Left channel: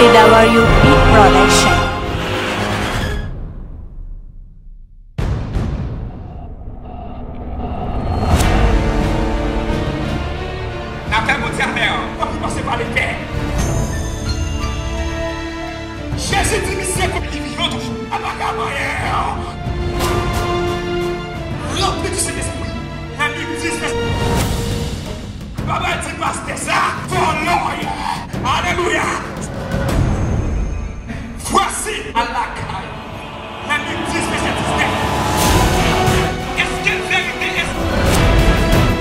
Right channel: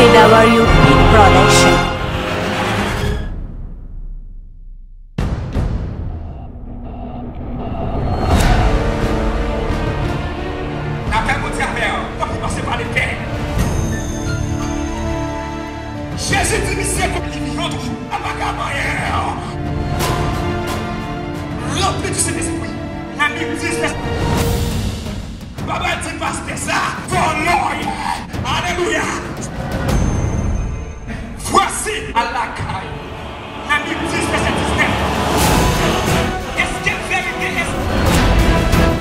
WP Production. Jésus dit, c'est comme qui vivant à la barrière. Rempli du Saint-Esprit. La Bible dit, Papa dit parce que ça, ton Lord. Alléluia. Voici à la caille. La Bible dit, est-ce que vérité est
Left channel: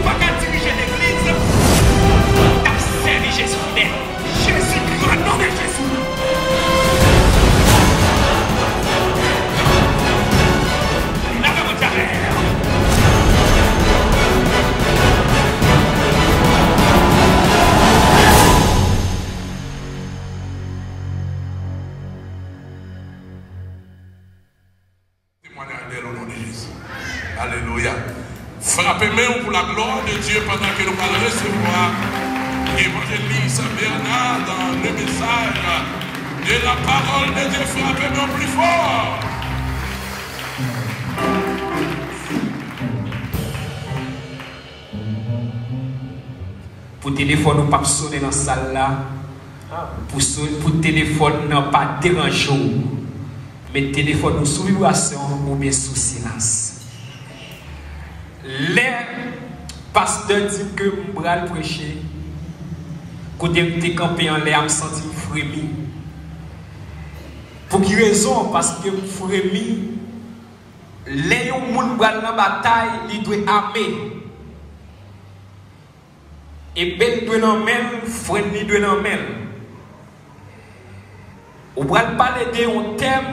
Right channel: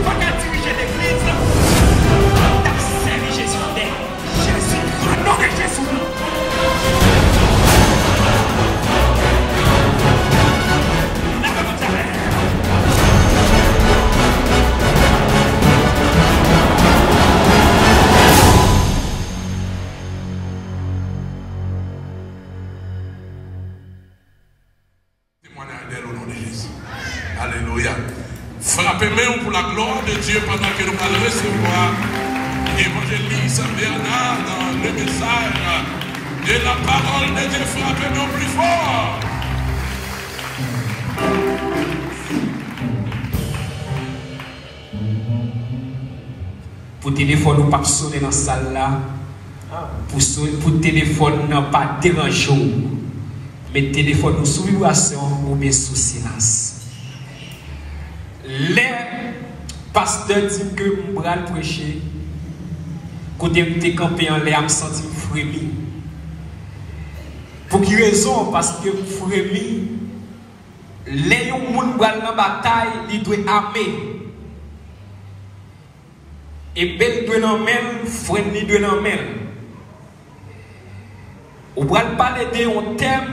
pas à diriger l'église? T'as servi Jésus fidèle. Jésus, le nom de Jésus. Alléluia. Frappez-moi pour la gloire de Dieu pendant que nous allons recevoir l'évangéliste Bernard dans le message de la parole de Dieu. Frappez-nous plus fort. Pour téléphone, nous pas sonner dans la salle là. Pour téléphone, nous pas déranger. Mais téléphone, nous sous vibration ou bien sous silence. Les pasteurs disent que je vais prêcher. Quand je suis campé en l'air, je me sens frémi. Pour quelle raison? Parce que frémi, les gens qui sont dans la bataille, ils doivent armer. Et belle doit en même, frère ni doit en même. On va parler d'un thème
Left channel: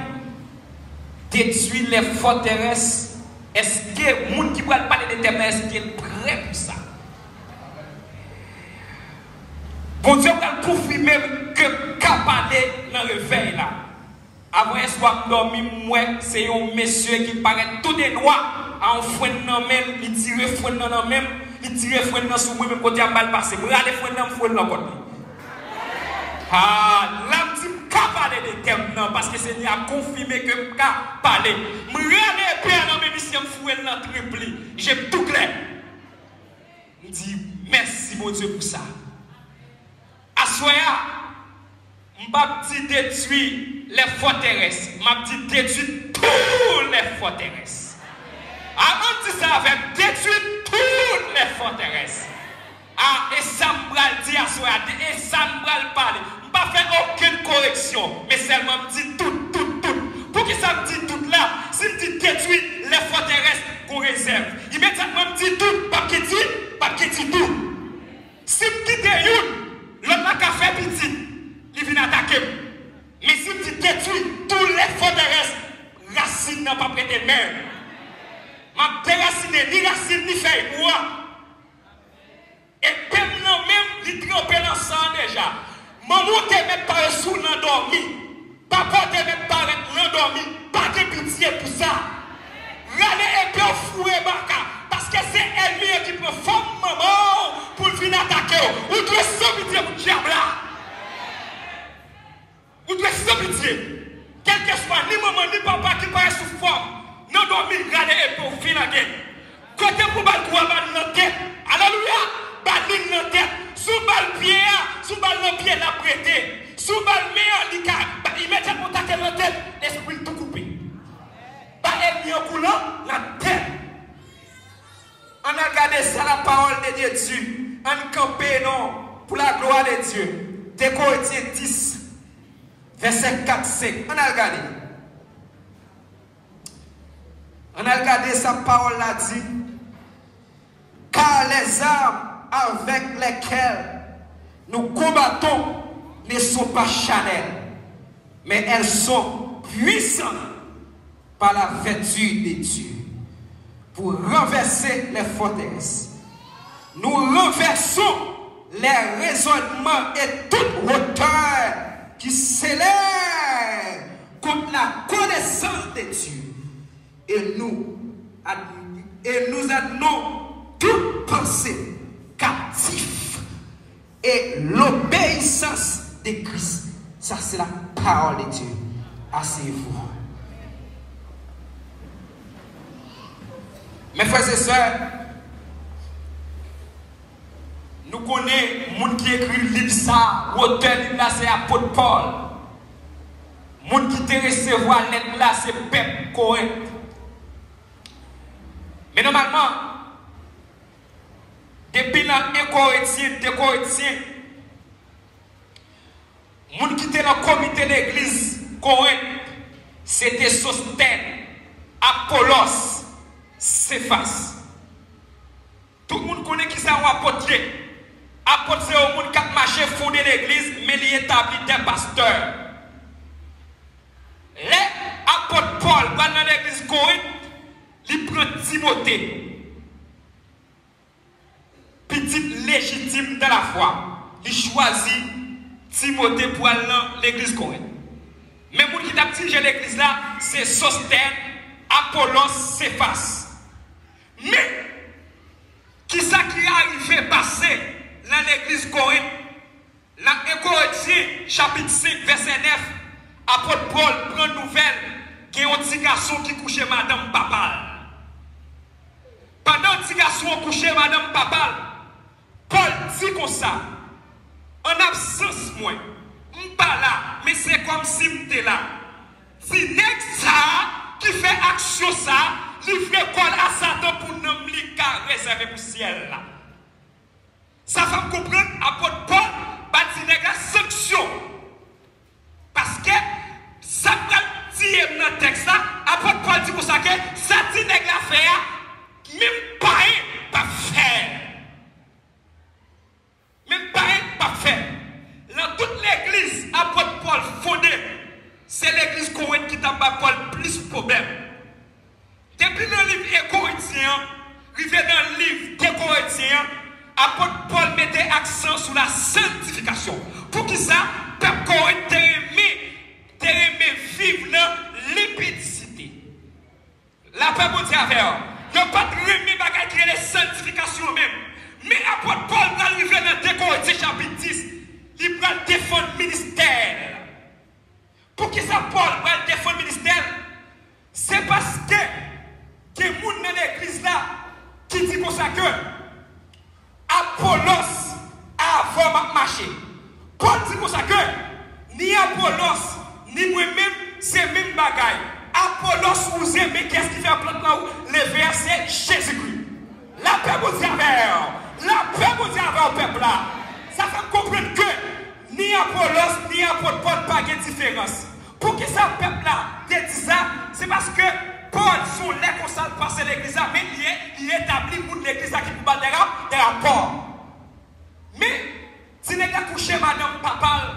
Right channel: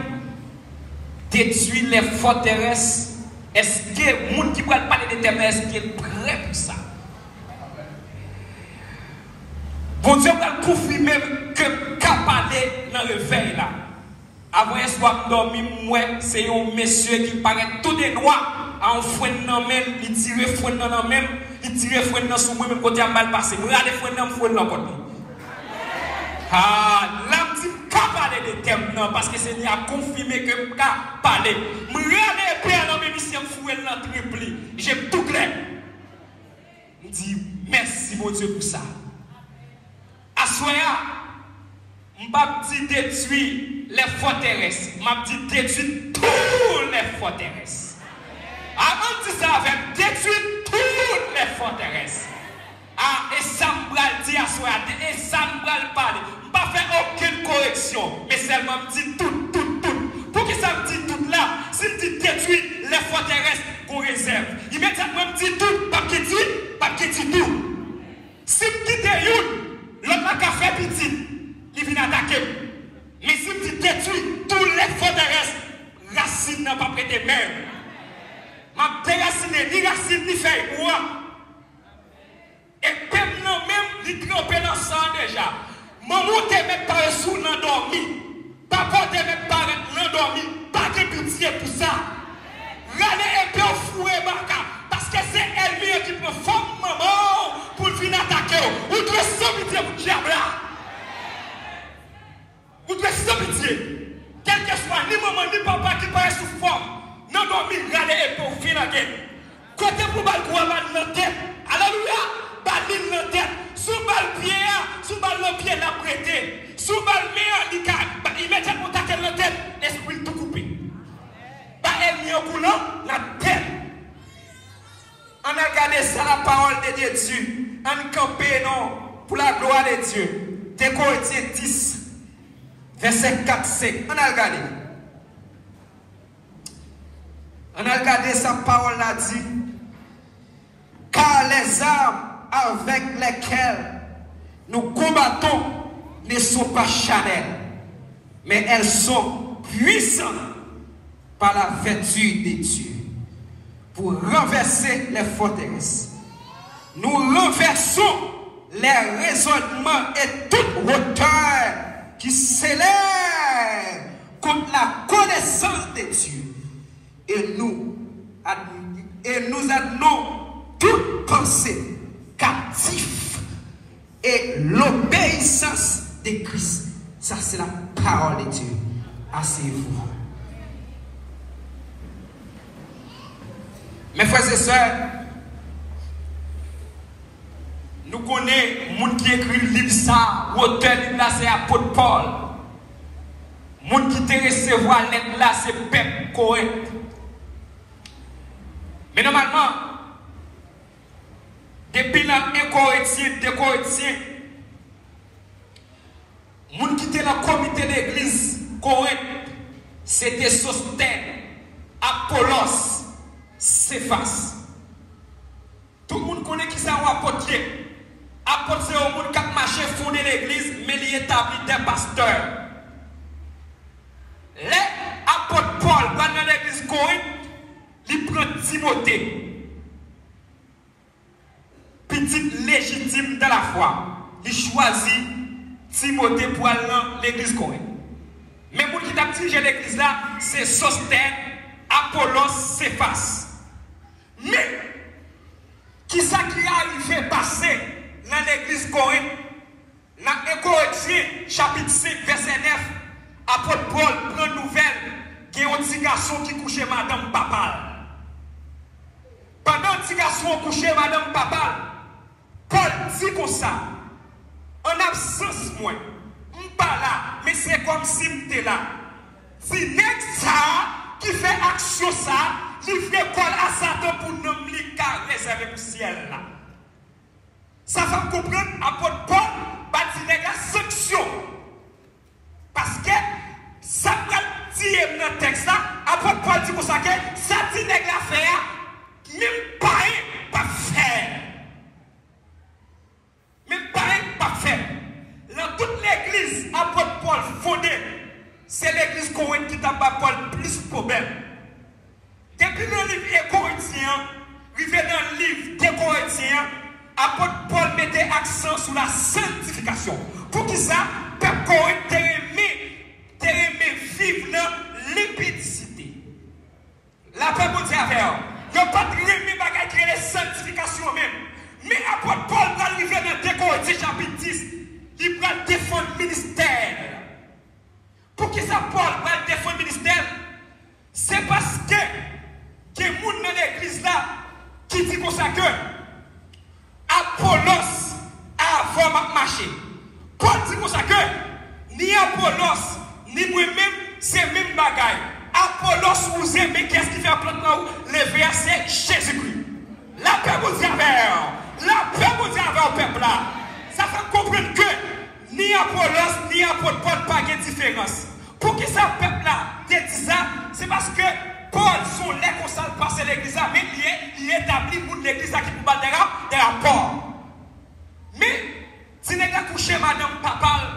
détruire les forteresses. Est-ce que les gens qui va parler de thème, est-ce qu'ils sont prêts pour ça? Bon Dieu va confirmer que parler dans le veille là. Avant un soir dormi, moi, c'est un monsieur qui paraît tout des droits à un frein dans le même, il tire frein dans le même. Il tire frein dans sous moi même côté à mal passé. Moi aller frein dans frein là côté. Ah, là me pas parler de thème non parce que c'est a confirmé que pas parler. Me regarder bien dans mes missions frein là triplé. J'ai tout clair. Me dit merci mon Dieu pour ça. Assoya, m'a dit détruire les forteresses, m'a dit détruire toutes les forteresses. Avant de ça avec détruire toutes les forteresses. Ah, et ça me dit à soi, et ça me parler. Je ne pas faire aucune correction, mais seulement me dit tout. Pour que ça me dit tout là, si me dit détruire les forteresses qu'on réserve, immédiatement me dit tout, pas qu'il dit tout. Si me dit une, l'autre n'a qu'à faire petit, il vient attaquer. Mais si me dit détruire toutes les forteresses, racine n'a pas prêté même. Ma déracine, ni racine, ni feuille, moi. Et même non, même, il trempe dans le sang déjà. Maman te met par sous l'endormi. Papa te met par l'endormi. Pas de pitié pour ça. Rane est bien foué, parce que c'est elle qui peut faire maman pour venir attaquer. Ou devez sans pitié pour diable là. Ou devez sans pitié. Quel que soit, ni maman, ni papa qui paraît sous forme. Non, dormi, regardez et pour finir la guerre. Quand vous avez droit à la tête, alléluia, baline la tête, sous balle pied, sous balle le pied n'a prêté, sous balle meilleur, il met à contact la tête, l'esprit tout coupé. Pas elle au coulant, la tête. On a regardé ça, la parole de Dieu dessus. On campé, non, pour la gloire de Dieu. De Corinthiens 10, verset 4-5. On a regardé. On a regardé sa parole là dit, car les armes avec lesquelles nous combattons ne sont pas charnelles, mais elles sont puissantes par la vertu de Dieu pour renverser les forteresses. Nous renversons les raisonnements et toute hauteur qui s'élève contre la connaissance de Dieu. Et nous amenons toute pensée captive et l'obéissance de Christ. Ça, c'est la parole de Dieu. Asseyez-vous. Mes frères et sœurs, nous connaissons les gens qui écrit le livre ça, l'auteur livre là c'est apôtre Paul. Les gens qui te recevoir lettre là c'est peuple correct. Mais normalement, depuis les Corinthiens, les gens qui étaient dans le comité d'église Corinthe, c'était Sosthène, Apollos, Céphas. Tout le monde connaît qui c'est un apôtre. Apôtre, c'est un monde qui a marché, fondé l'église, mais il établit des pasteurs. Les apôtres Paul, dans l'église Corinthe, il prend Timothée, petit légitime de la foi. Il choisit Timothée pour aller dans l'église Corinthe. Mais pour qui t'a dirigé l'église là, c'est Sosthène, Apollos, Céphas. Mais, qui ça qui est arrivé passer dans l'église Corinthe, dans 1 Corinthiens, chapitre 5, verset 9, apôtre Paul prend nouvelle qu'il y a un petit garçon qui couchait madame Papal. Pendant que le petit garçon couchait madame Papal, Paul dit comme ça, en absence moi, je ne suis pas là, mais c'est comme si je suis là. Si n'est ça qui fait action ça, il fait col à Satan pour nous réserver pour le ciel là. Ça va comprendre, apôtre Paul, bâti la sanction. Parce que ça va dire dans le texte là, apôtre Paul dit pour ça que ça dit la faire, même pas faire. Même pas faire. Dans toute l'église, apôtre Paul fondée, c'est l'église Corinthe qui t'a pas Paul plus de problèmes. Depuis le livre Corinthiens, arrivé dans le livre des Corinthiens, apôtre Paul mettait accent sur la sanctification. Pour qui ça, peuple Corinthe aimé vivre dans l'impudicité. La paix pour dire avec eux. Il n'y a pas de remis bagaille qui est la sanctification même. Mais apôtre Paul, dans le livre dans 2 Corinthiens chapitre 10, il va défendre le ministère. Pour qui ça, Paul va défendre le ministère? C'est parce que les gens dans l'église là qui dit comme ça que Apollos a vraiment marché. Paul dit comme ça que ni Apollos ni moi-même c'est même bagaille. Apollos vous aimez, qu'est-ce qui fait maintenant le verset Jésus-Christ? La paix vous y avait, la paix vous y avait au peuple là. Ça fait comprendre que ni Apollos ni apôtre Paul pas de différence. Pour qui ça peuple là dit ça? C'est parce que Paul, son lait qu'on s'en passe l'église, mais il établit pour l'église qui peut battre des rapports. Mais, si les gars couchent madame Papal,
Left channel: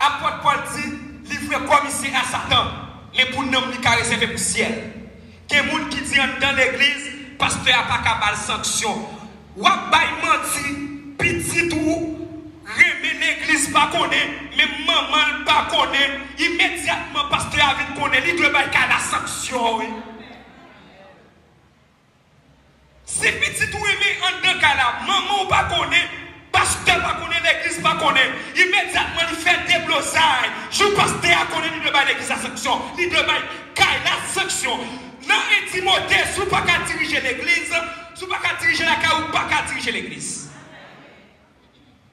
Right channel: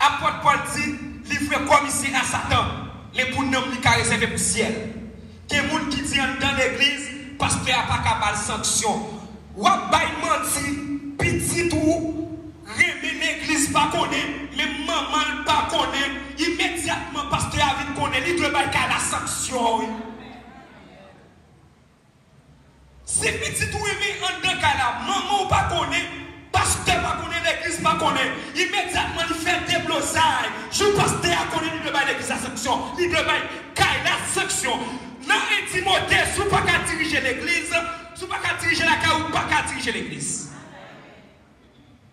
apôtre Paul dit, livre commissaire à Satan, mais pour nous, il a réservé pour le ciel. Que les gens qui disent dans l'église, pasteur n'a pas capable de sanction. Ou à menti, petit ou, remet l'église pas connaît, mais maman pas connaît, immédiatement pasteur a vu connaît, il doit faire la sanction. Si petit ou remet en deux cas là, maman pas connaît, pasteur pas connaît, l'église pas connaît, immédiatement il fait des blosailles. Je pasteur a connaît, il doit faire l'église la sanction, il doit faire la sanction. Non, Timothée, si vous ne pouvez pas diriger l'église, si vous ne pouvez pas diriger la caille, vous ne pouvez pas diriger l'église.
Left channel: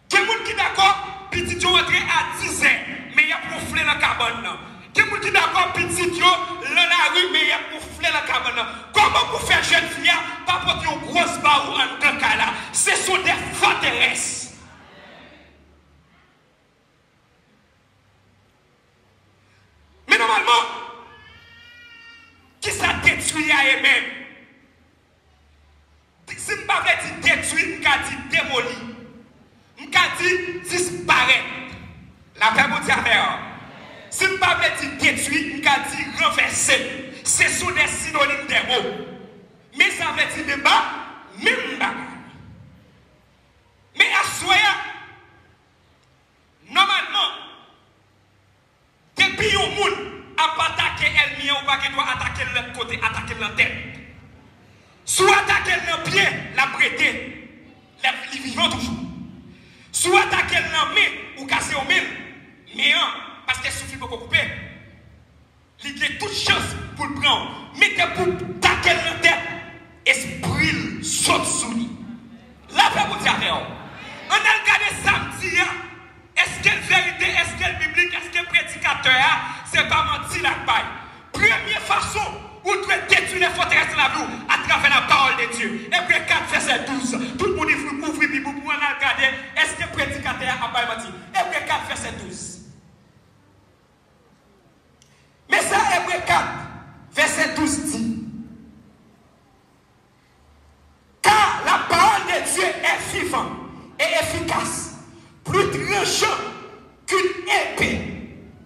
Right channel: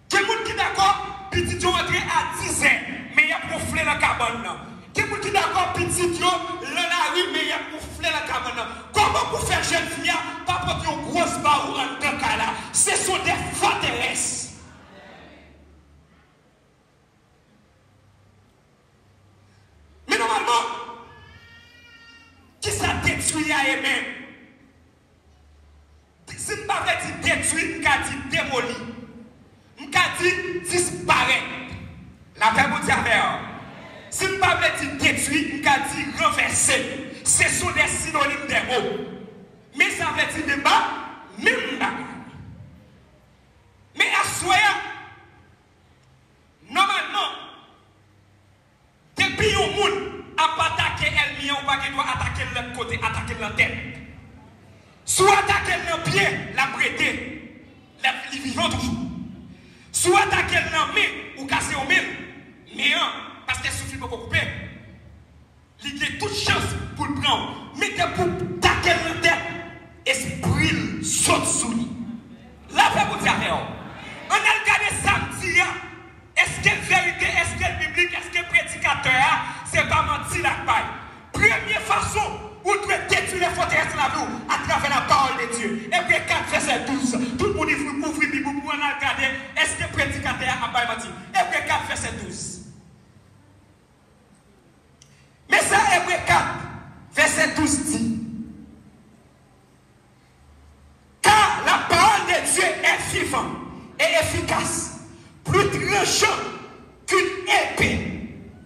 Quel monde qui est d'accord, petit Dieu rentre à 10 ans, mais il y a proflé dans la cabane. Quel monde qui est d'accord, petit Dieu dans la rue, mais il y a proflé dans la cabane. Comment vous faire jeune fille, pas porter une grosse barre ou un grand cas là? Ce sont des forteresses. Mais normalement, qui ça détruit à aimer? Si je ne parle pas de détruire, je dis démolir. Je dis disparaître. La paix vous dit à si je ne parle pas de détruire, je dis renverser. Ce sont des synonymes des mots. Mais ça veut dire débat, même bagarre. Mais à soi, normalement, depuis un monde a attaqué elle-même, on va attaquer l'autre côté, attaquer l'autre tête. Soit attaquer le pied, la prêter, les vivants toujours. Soit attaquer le main ou casser au main, mais parce qu'elle souffre pour couper, ne pas mentir la paille. Première façon où tu dois détruire les forteresses de la vie à travers la parole de Dieu. Hébreux 4, verset 12. Tout le monde ouvre la Bible pour regarder. Est-ce que le prédicateur a pas menti? Hébreux 4, verset 12. Mais ça, Hébreux 4, verset 12 dit. Car la parole de Dieu est vivante et efficace, plus tranchant qu'une épée,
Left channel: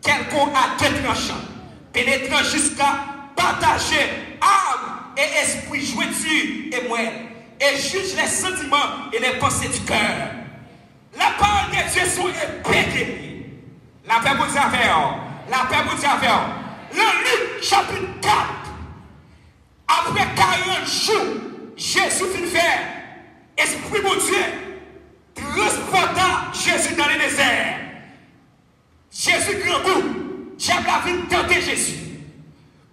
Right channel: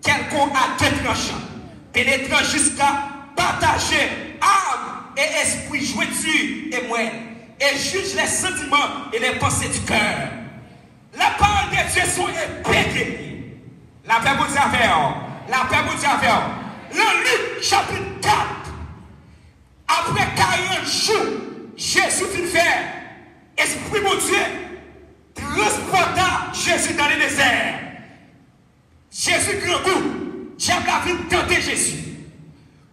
quelqu'un à deux tranchants, pénétrant jusqu'à partager âme et esprit, jointure et moelle, et juge les sentiments et les pensées du cœur. La parole de Dieu sont épées. La paix vous avez, la paix vous avez. Le Luc chapitre 4, après 40 jours, Jésus fit faire, esprit mon Dieu, transporta Jésus dans le désert. Jésus grand goût, diable a vu tenter Jésus.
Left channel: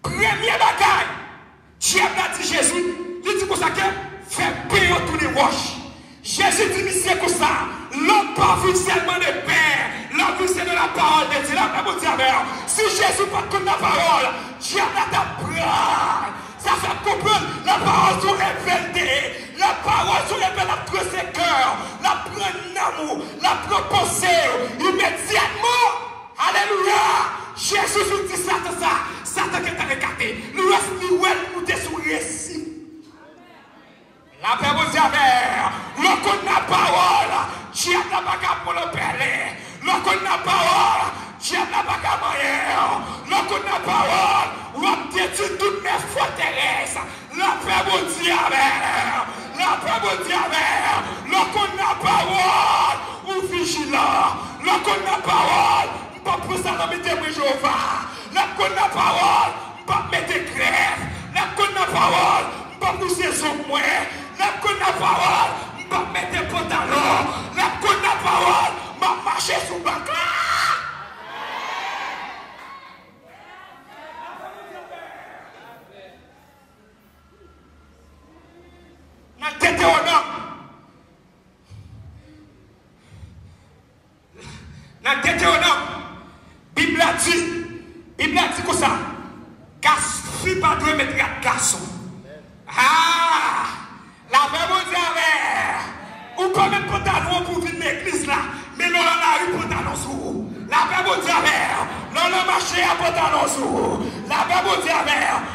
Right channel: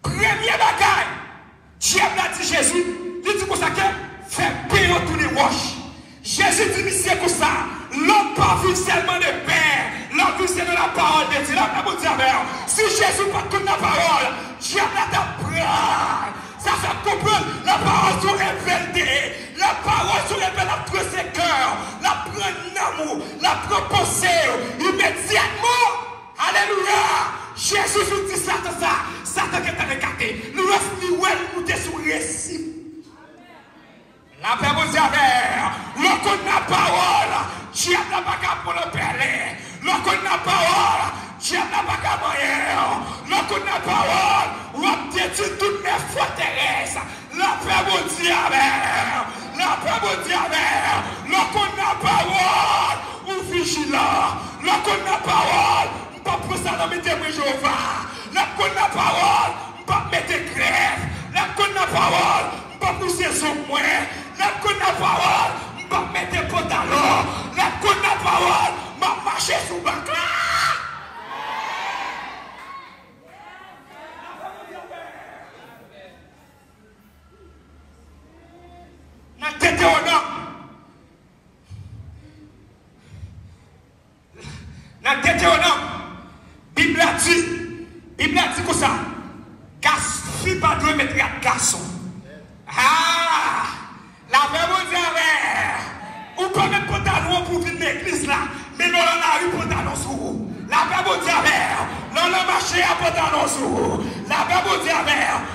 Premier bagaille, diable a dit Jésus, il dit pour ça que fait payer tous les roches. Jésus dit, c'est comme ça, l'homme pas vu seulement de pain, l'homme vu c'est de la parole de Dieu. Si Jésus pas comme la parole, diable t'apprend. Ça fait comprendre la parole sur les vérités, la parole sur les vérités, la prend ses cœurs, la prend l'amour, la prend pensée immédiatement. Alléluia. Jésus nous dit ça, Satan qui est écarté. Nous restons sur le récit. La paix vous avez, l'on la parole, Dieu n'a pas qu'à pour le parler. L'on la parole, Dieu n'a pas qu'à moyen. L'on la parole, on détruit toutes les forteresses. La paix vous dit avec, la paix vous dit avec. L'on la parole, ou vigilant. L'on la parole, pas pour ça dans mes témoins Jéhovah. La parole, pas mettre grève. La parole, pas pousser son moins. La parole, pas mettre pantalon. La parole, pas marcher sur le bac. Dans Deutéronome, Bible a dit comme ça. Fille pas doit mettre un garçon. Ah, la Bible dit, ou pas mettre pantalon pour venir l'église là, mais non, on a eu pantalon sur vous. La Bible dit, non, on a marché à pantalon sur vous. La Bible dit,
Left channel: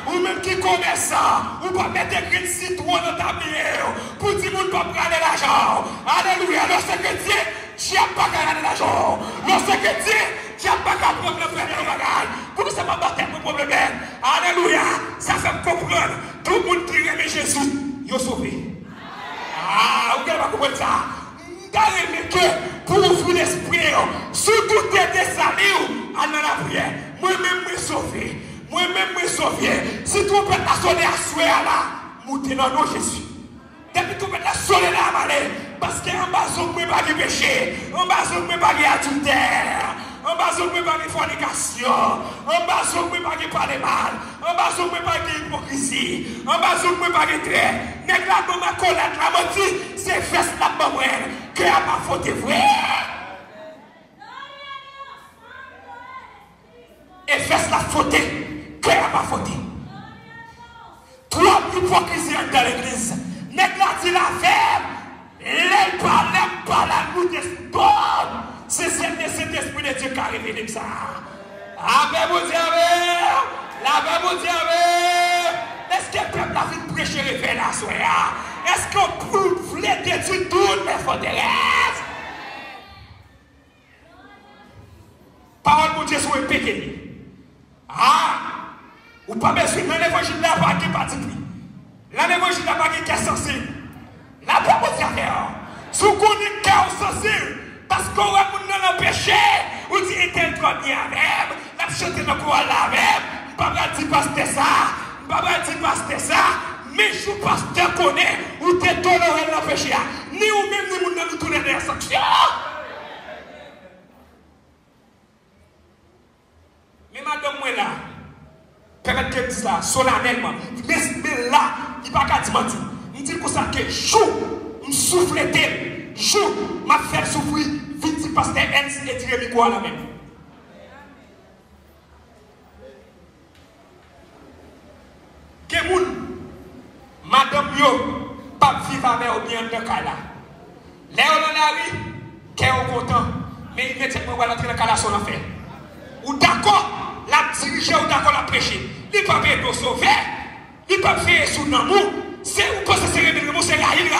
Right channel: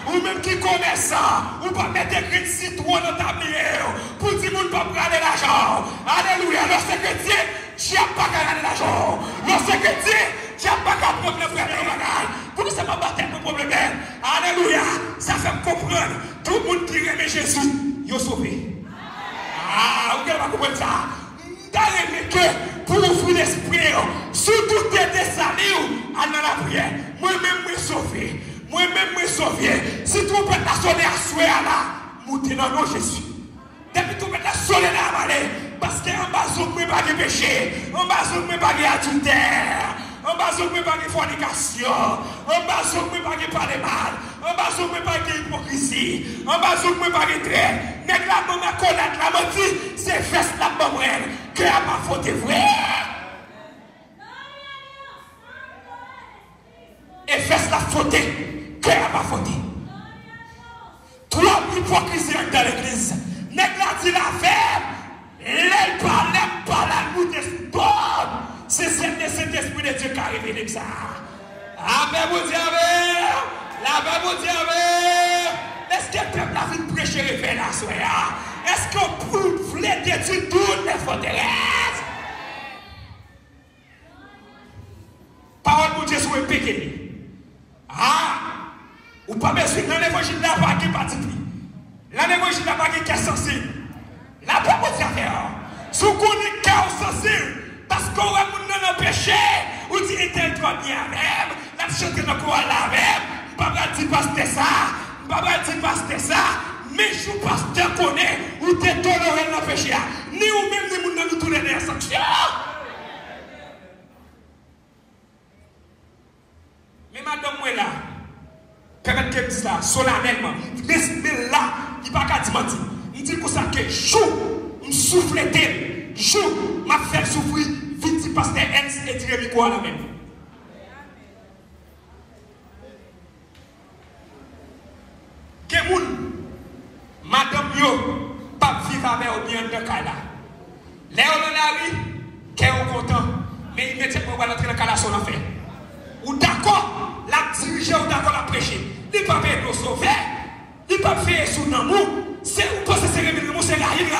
ou même qui commerçant, ou pas mettre un citron dans ta bière, pour dire qu'on ne peut pas prendre l'argent. Alléluia, lorsque Dieu, tu n'as pas gagné l'argent. Lorsque Dieu, tu n'as pas qu'à prendre le frère malade. Pour ça, pas battre mon problème. Alléluia. Ça fait me comprendre. Tout le monde qui aime Jésus, il est sauvé. Ah, vous n'avez pas compris ça. D'aller que pour ouvrir l'esprit, surtout des salés, à la prière. Moi-même, je suis sauvé. Moi-même, je suis sauvé. Si tu peux pas sonner à souhait là, montez dans nos Jésus. Depuis que tu peux pas sonner là, parce qu'en bas, on ne peut pas de péché. En bas, on ne peut pas de adultère. En bas, on ne peut pas de fornication. En bas, on ne peut pas de parler mal. En bas, on ne peut pas de hypocrisie. En bas, on ne peut pas de trait. Mais la maman collade, la maman c'est fesse la maman que a ma faute vrai. Et fesse la faute que a ma faute. Trop d'hypocrisie dans l'église. Mais la dit la femme. Les pas la nous bonne. C'est cet esprit de Dieu qui a révélé ça. La paix vous dire, la paix vous dire. Est-ce que le peuple a vu prêcher les veines à soi? Est-ce qu'on voulait détruire toutes les forteresses? Parole de Dieu sur le péché. Ah, ou pas besoin dans l'évangile là pas qui particulier. Dans l'évangile là pas qui est censé. La paix vous dire. Si vous connaissez cœur sensible, parce qu'on va dans le péché, ou dit il est trop bien même, la chanter dans le courant là même, pas dire pasteur ça, pas dire pasteur ça, mais je pasteur connaît, ou t'es toléré dans le péché, ni ou même ni moun nous tourner les sanctions. Mais madame moi là, quand elle dit ça, solennellement, mais là, il va pas dire mentir. Il dit pour ça que chou, il souffle d'elle, chou, m'a fait souffrir, vite parce qu'elle s'est tirée du quoi là même. dans le cas là. Les on dans la rue, qui est content, mais il n'est pas rentrer dans le cas là son affaire. Ou d'accord, la diriger ou d'accord la prêcher. Il ne peut pas nous sauver, il ne peut pas faire sous l'amour. C'est où que c'est révélé, c'est raïl.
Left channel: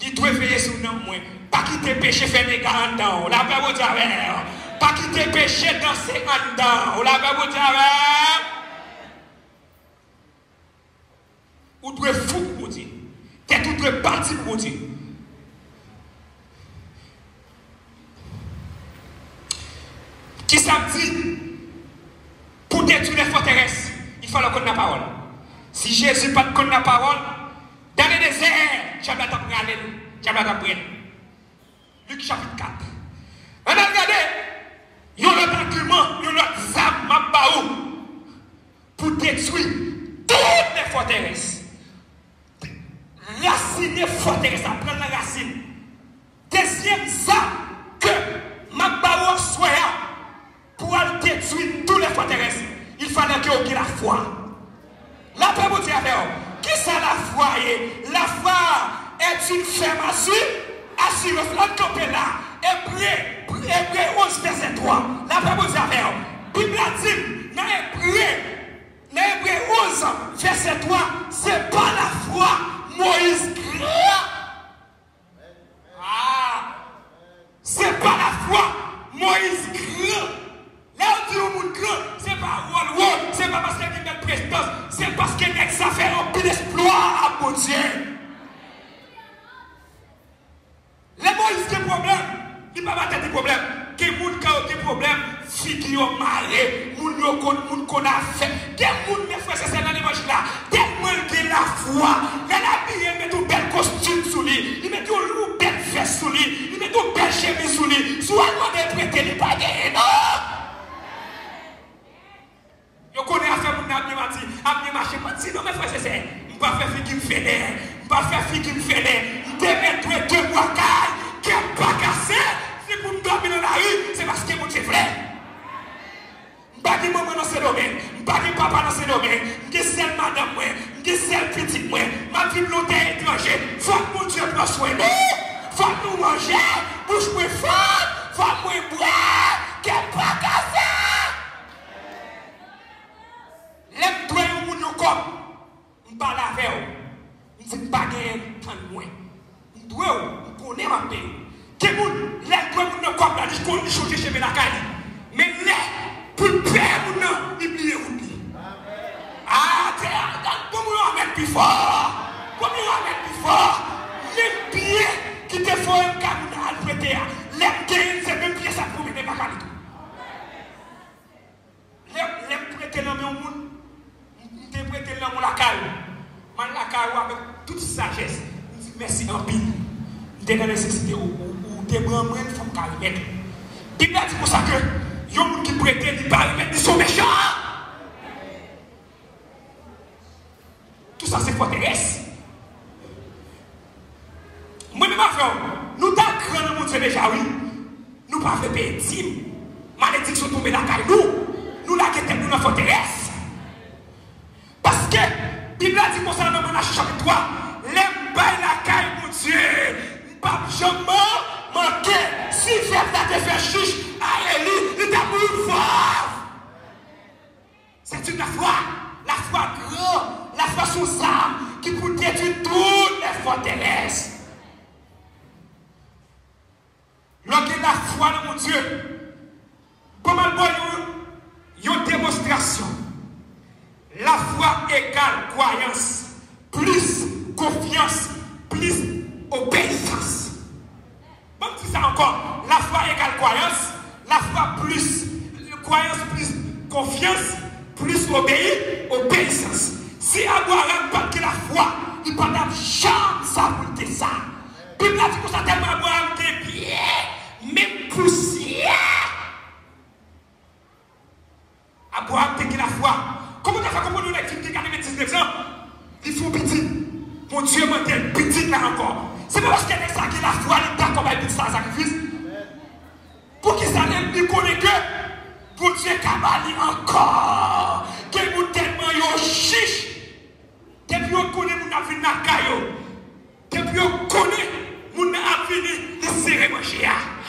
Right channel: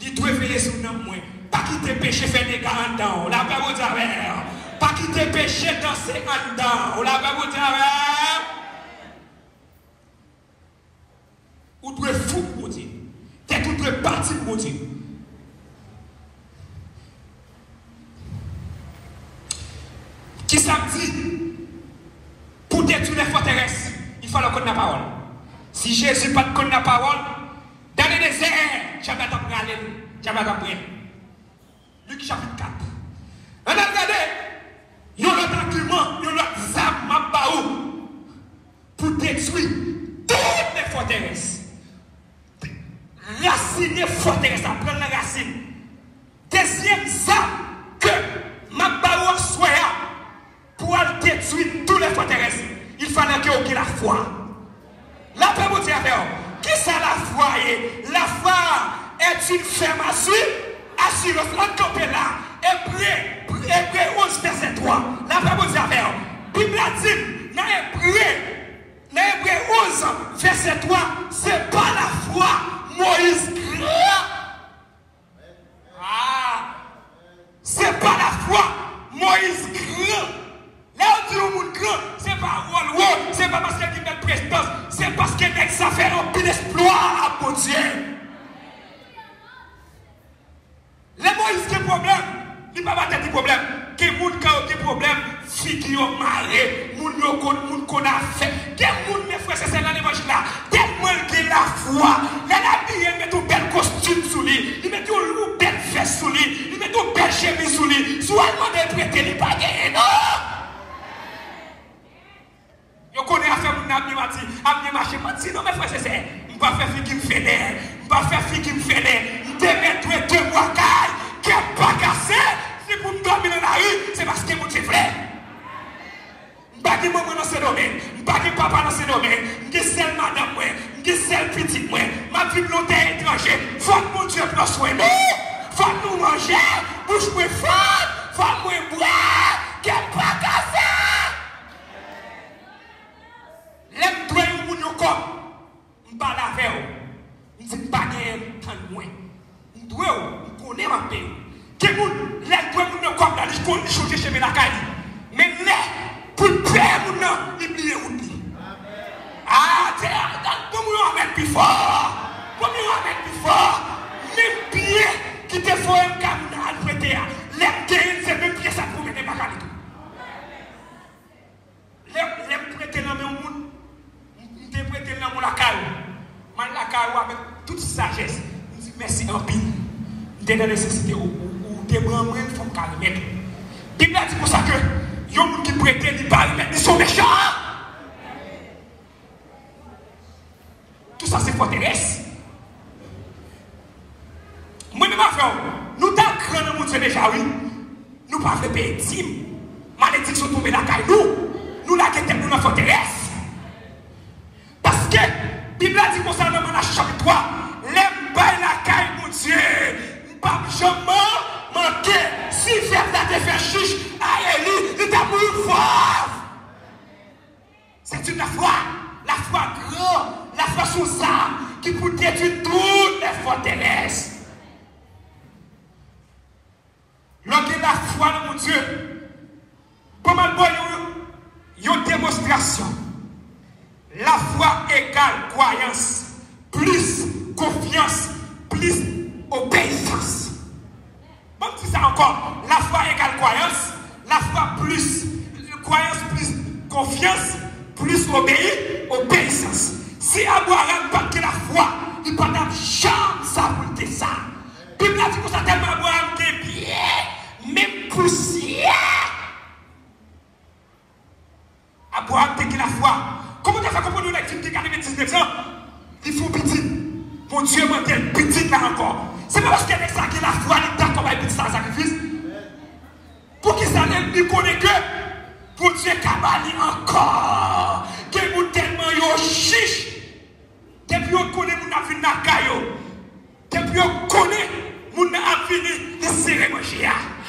Il doit veiller sur l'amour. Pas quitter péché, faire des gars en dedans. La paix vous dit, pas quitter péché, danser en dedans. La paix vous dit, ou doit fou pour dire. T'es tout doit parti pour dire. Qui ça dit? Pour détruire les forteresses, il faut connaître la parole. Si Jésus n'a pas connaître la parole, dans le désert, j'avais appris à aller. J'avais appris. Luc chapitre 4. On a regardé, il y a un autre argument, il y a un autre arme pour détruire toutes les forteresses. Racine des forteresses, à prendre la racine. Deuxième arme que Mabaou soit pour détruire toutes les forteresses, il fallait qu'il y ait la foi. La Bible dit qui ça la foi est? La foi est une ferme assurance. On campe là. Hébreu 11 verset 3. La Bible dit Bible dit dans Hébreu 11 verset 3, c'est pas la foi Moïse grand. C'est pas la foi Moïse grand. Là où dit au monde grand, c'est pas rôle, c'est pas parce qu'il y a une prestance, c'est parce qu'il y a ça fait un peu d'exploit à mon Dieu. Les Moïse qui ont des problèmes, il ne va pas des problèmes. Que les gens qui ont des problèmes, filles qui ont marré, les gens qu'on a fait, des gens qui frères c'est dans l'évangile là, des gens qui ont la foi, les habillés, ils mettent un bel costume sur lui, ils mettent une belle veste sur lui, ils mettent une belle chemise sur lui, soit ils vont prêter, ils ne pas gagner, non. Je connais affaire pour nous amener marcher, mais non, mes frères, c'est ça. Je ne vais pas faire ce qui me fait l'air. Je ne vais pas faire ce qui me fait l'air. Je vais mettre 2 mois qui n'est pas cassé. Si vous me dormez dans la rue, c'est parce que mon Dieu frère. Je ne vais pas dire maman dans ce domaine. Je ne vais pas dire papa dans ce domaine. Je suis seul madame, je suis seul petit. Ma vie de l'hôtel étranger. Il faut que mon Dieu prenne soin de nous. Il faut que nous mangions. Bouche-moi fort. Il faut que nous boire. Qui n'est pas cassé. Les doigts de mon corps, je ne parle pas avec eux. Je ne dis pas de moi. Je connais ma paix. Les doigts de mon corps, je connais changer chez mes lacailles. Mais les, pour faire mon nom, ils oublient. Ah, comment on va mettre plus fort? Comment on va mettre plus fort? Les pieds qui te font un cadeau à prêter, les pieds, c'est même pieds, ça pour mettre ma cadeau. Les prêter dans mon monde. Je prête dans mon lacaille. Man lacaille avec toute sagesse. Je dis merci en pile. Je suis dans la nécessité ou des branches, il faut me mettre. Bible dit pour ça que les gens qui prêtent, ils parlent, ils sont méchants. Tout ça, c'est forteresse. Moi, ma frère, nous t'avons grand monde déjà, oui. Nous ne pouvons pas payer dîme. Malédiction tombe dans la caille. Nous la quittons dans la forteresse. Parce que, la Bible dit qu'on s'en dans la chapitre 3, les bails la caille, mon Dieu, pas jamais manqué, si j'ai la faire chiche, à Élie, il t'a mouru fort. C'est une foi grande, la foi sous ça, qui peut détruire toutes les forteresses. Lorsque la foi de mon Dieu, pas mal il y a une démonstration. La foi égale croyance, plus confiance, plus obéissance. Bon, c'est ça encore. La foi égale croyance, la foi plus croyance, plus confiance, plus obéissance. Si Abraham n'a pas la foi, il n'a pas de chance à monter ça. Puis il a dit que ça tellement Abraham est bien, même poussière. Abraham a la foi. Comment on a fait comprendre les filles qui ont 19 ans? Il faut petit. Mon Dieu m'a dit petit là encore. C'est pas parce qu'il y a ça qui la foi, il est d'accord avec petit sacrifice. Pour qu'il s'en ait, il connaît que pour Dieu cabali encore. Que vous tellement yo chiche. Depuis qu'on connaît mon avis na caillou. Depuis on connaît, mon a fini de serrer manger.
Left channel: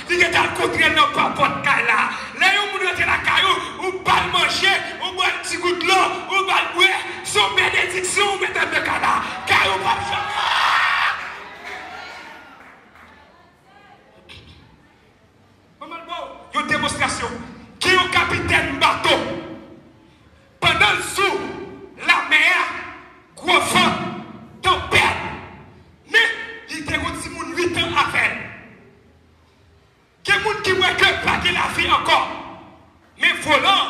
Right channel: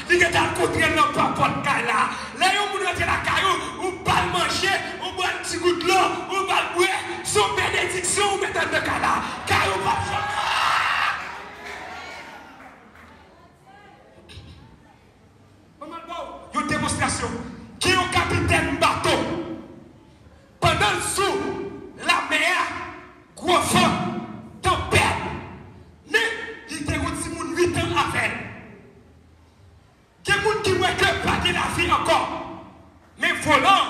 Il est à côté de nos papas de là. Là, on rentre la caillou, on va manger, on boit un petit goût de l'eau, on va boire, son bénédiction, on met dans le cala. Caillou va jamais. Une démonstration. Qui est un capitaine bateau? Pendant le sous, la mer, gros vent, tempête. Mais il était un petit monde 8 ans à faire. Il y a des gens qui voient que pas de la vie encore. Mais volant,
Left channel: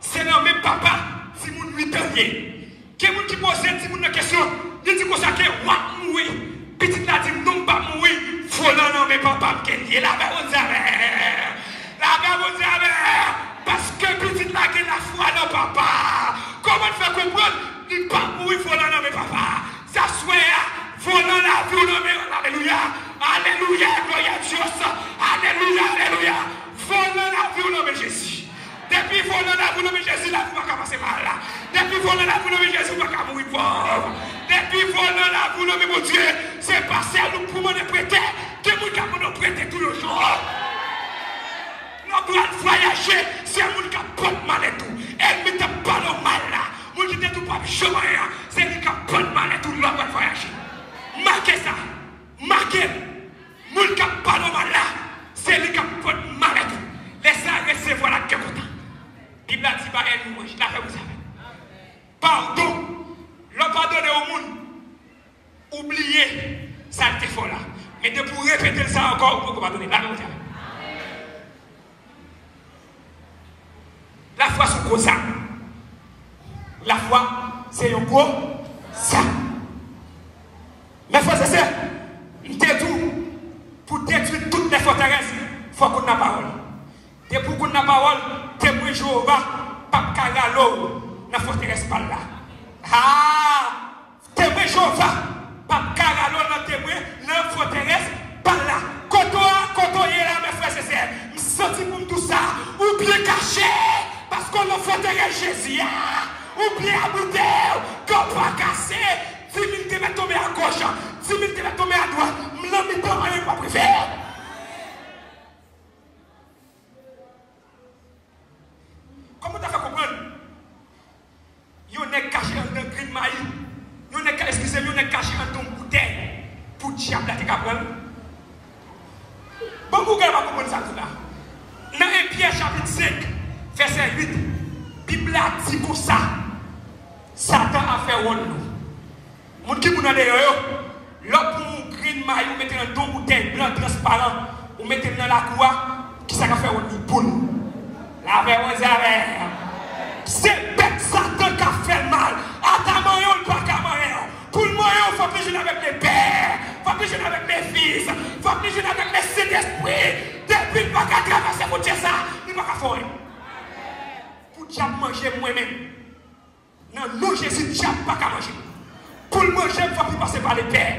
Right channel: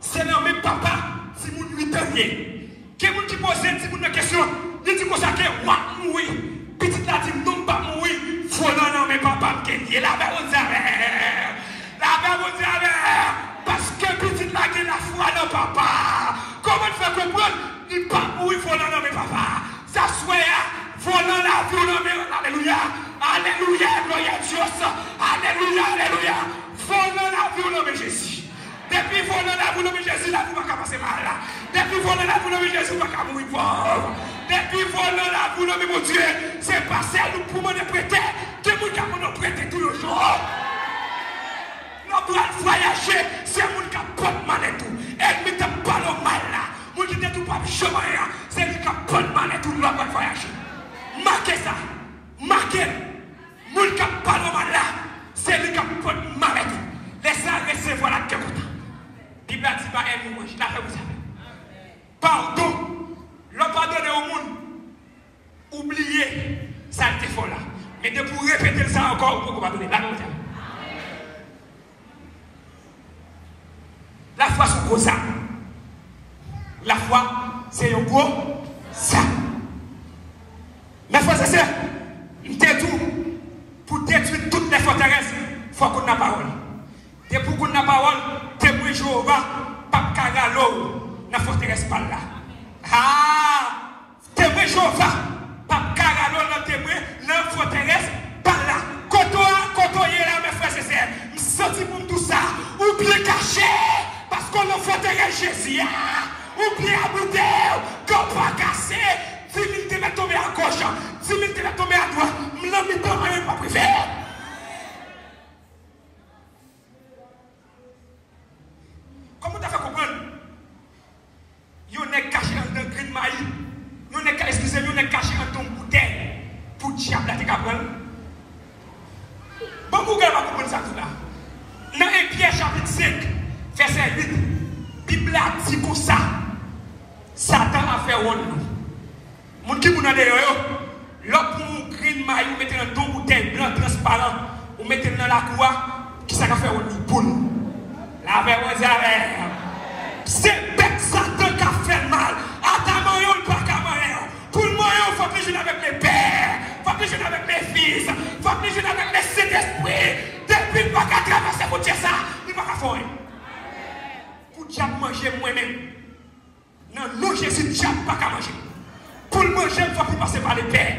c'est nommé papa, si vous 8 ans. Il y a des gens qui posent une question. Il dit qu'on s'est dit, oui, petit là dit, non, pas mourir. Volant, nommé papa, qui est là, vous avez. Là, vous avez. Parce que petit là, qui est la foi, non, papa. Comment faire comprendre? Il ne pas mourir, volant, nommé papa. Ça soit, volant la vie, nommé, alléluia. Alléluia, gloire à Dieu. Alléluia, alléluia. Volant la vie, nommé Jésus. Depuis volant la vie, nommé Jésus, la vie va passer mal. Depuis volant la vie, nommé Jésus, va mourir pauvre. Depuis volant la vie, nommé mon Dieu, c'est passé à nous pour me prêter. Que nous avons prêté tous les jours. Nous doit voyager, c'est nous qui avons mal et tout. Elle ne met pas le mal là. Nous disons tout pas chemin, c'est nous qui avons mal et tout. Nous doit voyager. Marquez ça. Marquez. Nous qui avons pas le mal là, c'est nous qui avons mal et tout. Laissez-la recevoir la gueule. Il a dit, bah, elle nous mange. La fait vous savez. Pardon. Le pardonner au monde. Oubliez ça te faut là. Mais de pour répéter ça encore, vous pouvez pardonner. La fait vous savez. La foi, c'est gros ça. La foi, c'est un gros ça. La foi, c'est ça. Il tout pour détruire toutes les forteresses. Il faut qu'on ait la parole. Et pour qu'on ait la parole, témoin Jéhovah, pas caralo, la forteresse pas là. Ah, témoin Jéhovah, pas caralo, la témoin, la forteresse pas là. Quand on est là, mes frères et sœurs, je sens pour tout ça, ou bien caché. Parce qu'on a forteresse Jésus, oubliez à bouter, qu'on va casser, 10 000 te va tomber à gauche, 10 000 te va tomber à droite, l'homme est en rien, pas privé. Comment tu as fait comprendre? Il est caché dans le green maïs, il est caché dans ton bouteille pour diable à te comprendre. Bon, vous allez comprendre ça tout là. Dans 1 Pierre chapitre 5. Verset 8, Bible a dit comme ça. Satan a fait one nous. Mon qui vous n'avez pas, l'autre pour vous green maille, vous mettez dans deux bouteilles blanc transparent, vous mettez dans la cour, qui ça a fait one nous pour nous. La verre vous avez. C'est bête Satan qui a fait mal. À ta maillot, pas qu'à maillot. Pour le maillot, il faut plus jouer avec mes pères, il faut plus jouer avec mes fils, il faut plus jouer avec mes Saint-Esprit. Depuis le pas qu'à traverser pour dire ça, il ne va pas faire. Pour diable manger moi-même. Non, non, Jésus, diable pas qu'à manger. Pour le manger, il faut plus passer par les pères.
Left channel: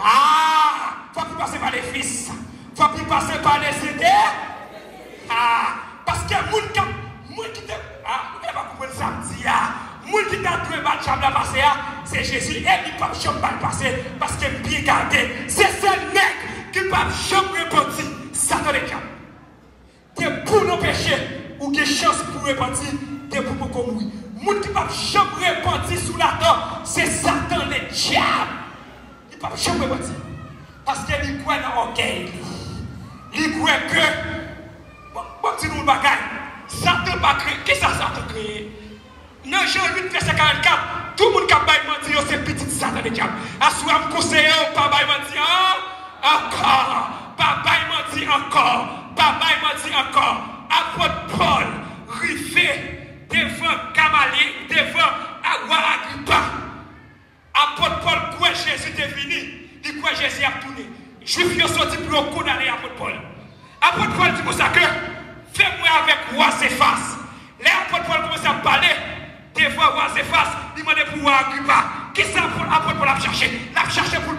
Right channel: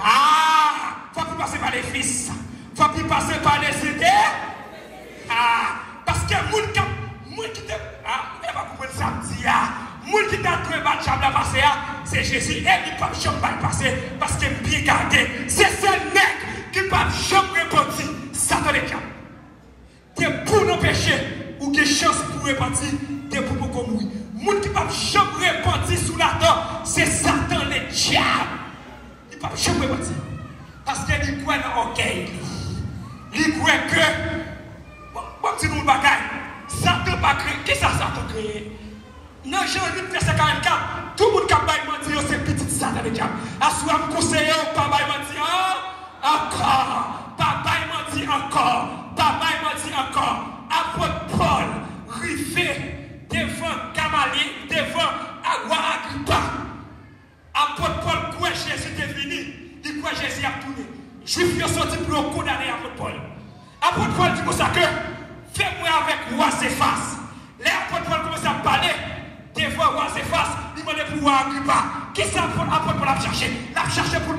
Ah, il faut plus passer par les fils. Il faut plus passer par les idées. Ah, parce que moun qui te. Ah, vous n'avez pas compris ça, moun qui t'a trouvé mal chambre à passer, c'est Jésus. Et il ne peut pas chambre à passer parce qu'il est bien gardé. C'est ce mec qui ne peut pas chambre repentir. Ça te le diable. C'est pour nos péchés. Ou qui chance pour repentir, de pour commun. Moun qui ne peut jamais repentir sous la terre, c'est Satan le diable. Il ne peut jamais repentir. Parce qu'il croit dans l'orgueil. Il croit que, bon, si nous bagaille, Satan va créer. Qu'est-ce que Satan crée? Dans Jean 8, verset 44, tout le monde qui a mentir, c'est petit Satan le diable. Assois me conseiller, pas mentir encore. Pas mentir encore. Pas mentir encore. Apôtre Paul, riffé devant Gamaliel, devant Agrippa. Apôtre Paul, quoi Jésus est venu, il quoi Jésus a tourné. Juif sont sortis pour condamner Apôtre Paul. Apôtre Paul dit comme ça que, fais-moi avec roi Céphas. Là, Apôtre Paul commence à parler devant roi Céphas, il m'a dit pour Agrippa. Qu'est-ce que Apôtre Paul a cherché? Il a cherché pour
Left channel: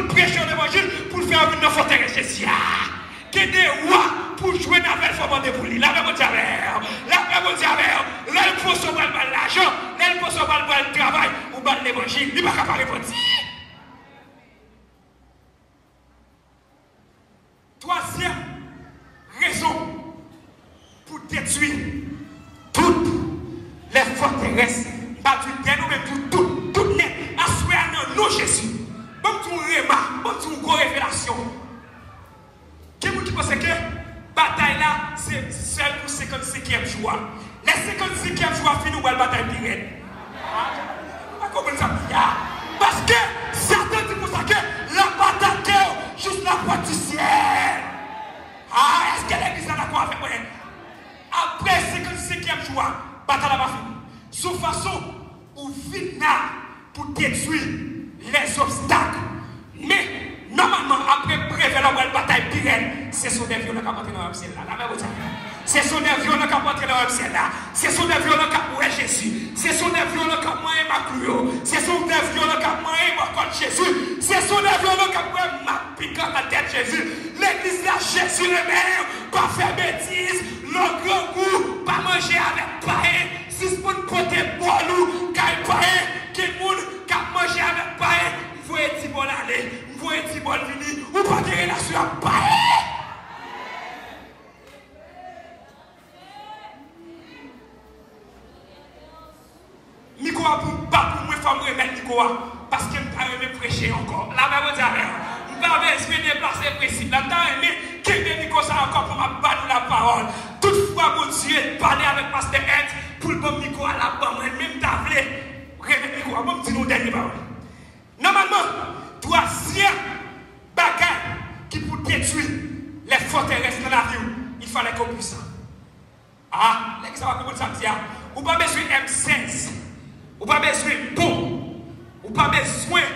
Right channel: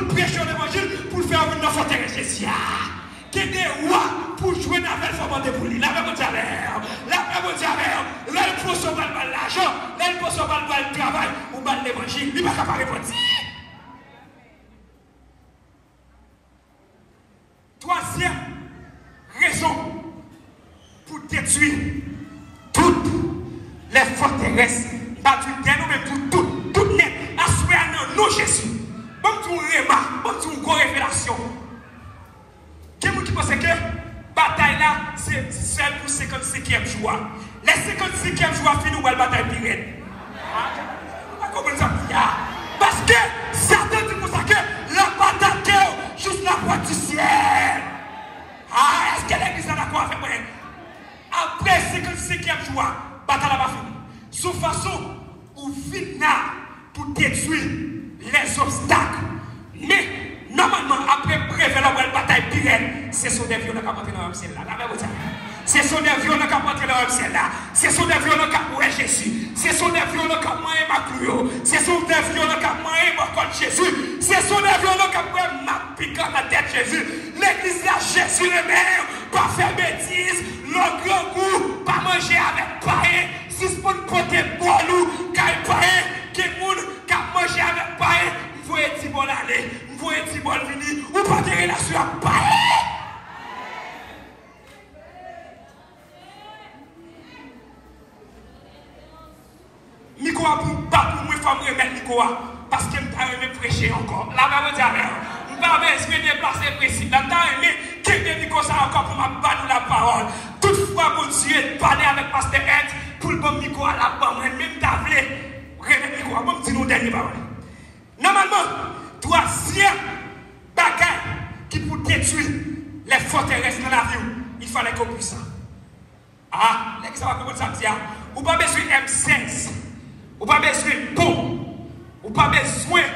le prêcher l'évangile, pour le faire venir dans la forteresse Jésus. Qui est des rois pour jouer dans la forme de boulot. La même diable. Là, il faut sauver l'argent. Là, il faut sauver le travail. Ou l'évangile. Il ne va pas répondre. détruire toutes les forteresses. Pas du dénouement tout net. Assoyez non Jésus. Bon tout réma, bon tout révélation. Qui vous pense que bataille là c'est seul pour 55e jour. Les 55e jour fini ou la bataille pire. Parce que Satan dit pour ça que la bataille juste la porte du ciel. Ah, est-ce que l'église a quoi avec moi? Après 55e jour, bataille va finir. Sous façon ou finir pour détruire les obstacles. Mais normalement, après prévenir la bataille pire, ce sont des violents qui ont entré dans le ciel là. Ce sont des violents qui ont entré dans le ciel là. Ce sont des violents qui ont entré Jésus. Ce sont des violents qui ont entré Macrio. Ce sont des violents qui ont entré Jésus. Ce sont des violents qui ont entré ma piquant la tête Jésus. L'église là, Jésus le même, pas faire bêtises, le gros goût, pas manger avec païen. Si c'est pour nous côté bolou, cal païen, qui moun, qui manger avec païen, vous voyez petit bol aller, vous voyez petit bol venir, ou pas de relation avec païen. Nicolas, pas pour moi, il faut me remettre Nicolas, parce que je vais prêcher encore. La même chose, je vais me déplacer précis. Là, je vais quitter Nicolas encore pour me battre la parole. Toutefois, mon Dieu, parler avec Pasteur Ed pour le bon Nicolas là-bas, même tablé. Remettre Nicolas, bon, dis nous dernier parole. Normalement, troisième bagage qui pour détruire les forteresses de la vie, il fallait qu'on puisse ça. Ah, l'église va comprendre ça, tiens. Ou pas besoin M16. Ou pas besoin de pont. Ou pas besoin de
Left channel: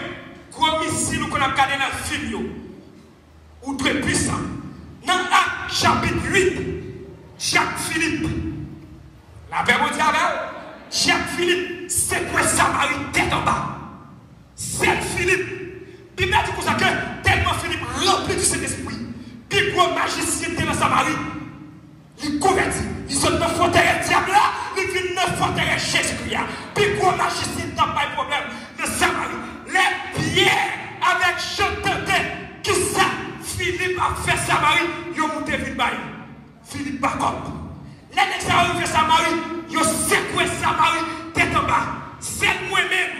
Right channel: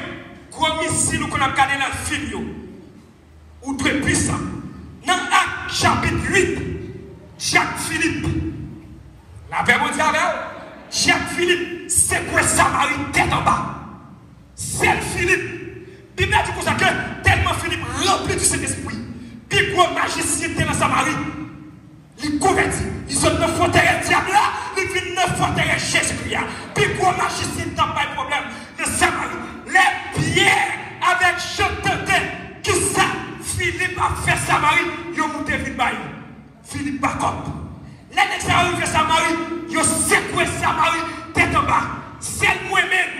gros missiles qu'on a gardé dans le film. Ou très puissant. Dans Acte chapitre 8, Jacques Philippe. La Bible dit Jacques Philippe, c'est quoi Samarie tête en bas. C'est Philippe. Bible dit comme ça que tellement Philippe rempli du Saint-Esprit. Puis gros magicien était dans Samarie. Il convertit. Ils sont de forteresse diable là. Ils viennent de forteresse Jésus-Christ. Puis pour la justice, il n'y a pas de problème. De Samarie. Les pierres avec Jean-Tentin qui ça, Philippe a fait Samarie, ils ont monté vite bail. Philippe Bacop. Les gens qui ont fait Samarie, ils ont secoué Samarie tête en bas. C'est moi-même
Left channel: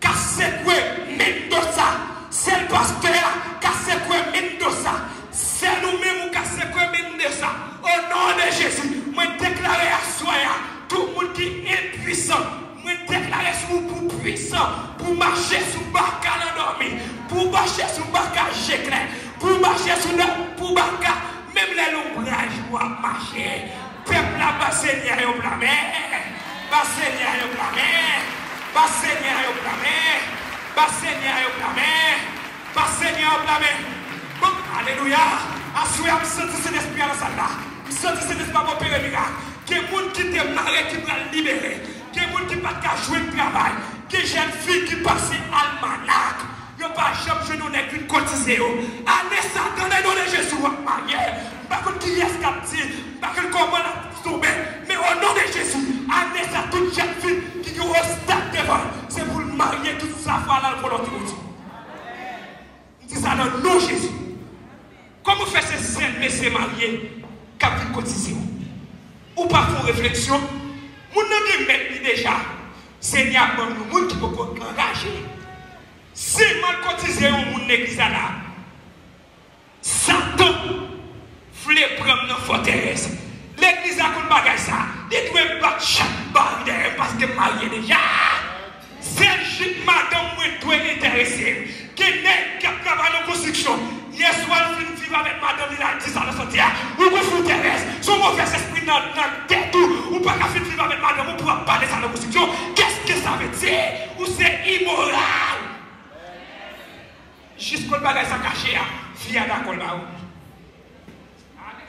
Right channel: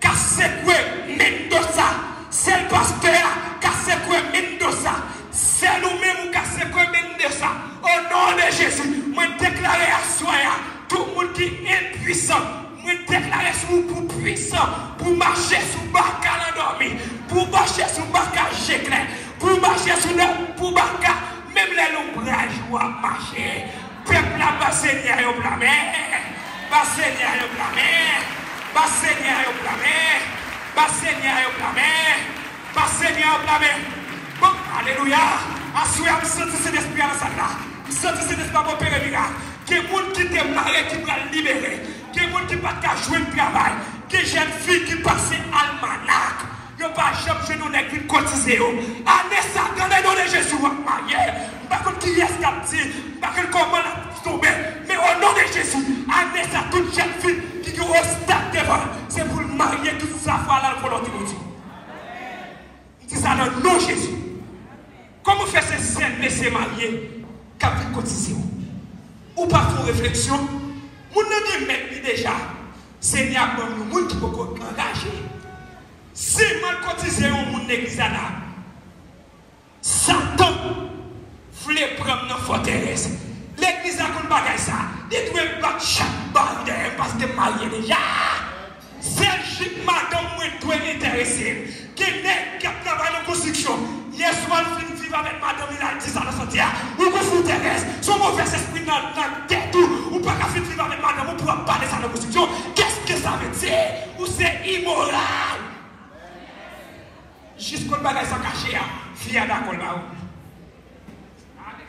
qui a secoué Mendoza. C'est le pasteur qui a secoué Mendoza. C'est nous-mêmes qui a secoué Mendoza. Au nom de Jésus, moi déclare à soi, tout le monde qui est impuissant, moi déclare pour puissant, pour marcher sous Barca l'endormi, pour marcher sous Barca Géclin, pour marcher sous le, pour Barca, même les l'ombrage doivent marcher. Peuple la Bassénia au blâmé, Bassénia au blâmé, Bassénia au blâmé, Bassénia au blâmé, Bassénia au blâmé. Bon, alléluia. Assoyez à me sentir cet esprit dans la salle. Je sens cet esprit à mon père. Que les gens qui te marient, qui vont libérer. Que les gens qui ne peuvent pas jouer le travail. Que les jeunes filles qui passent à l'almanach. Ils ne peuvent pas jouer nos nègres qui cotisent. Allez, ça, dans le nom de Jésus, marié. Pas comme qui est captif. Pas comme comment tomber. Mais au nom de Jésus, allez, ça, toute jeune fille qui ont un stade devant. C'est pour le marier toute sa foi dans le volonté de Dieu. Il dit ça dans le nom de Jésus. Comment faire ces saints messieurs mariés qui ont pris cotisation? Ou pas pour réflexion? Nous nous mettons déjà. Seigneur, nous qui pouvons engager. Si mal cotisé au monde l'église là, Satan voulait prendre nos forteresses. L'église a qu'on bagaille ça. Il doit battre chaque barrière parce que marié déjà. C'est juste madame qui doit intéresser. Qui n'est qui travaille en construction. Hier soir, il vit avec madame, il a dit ça dans son dia. Ou vous intéresse, son mauvais esprit dans la tête, ou pas qu'à vivre avec madame, ou pouvoir parler ça dans la construction. Qu'est-ce que ça veut dire? Ou c'est immoral? Jusqu'au bagage ça caché, fille d'accord là.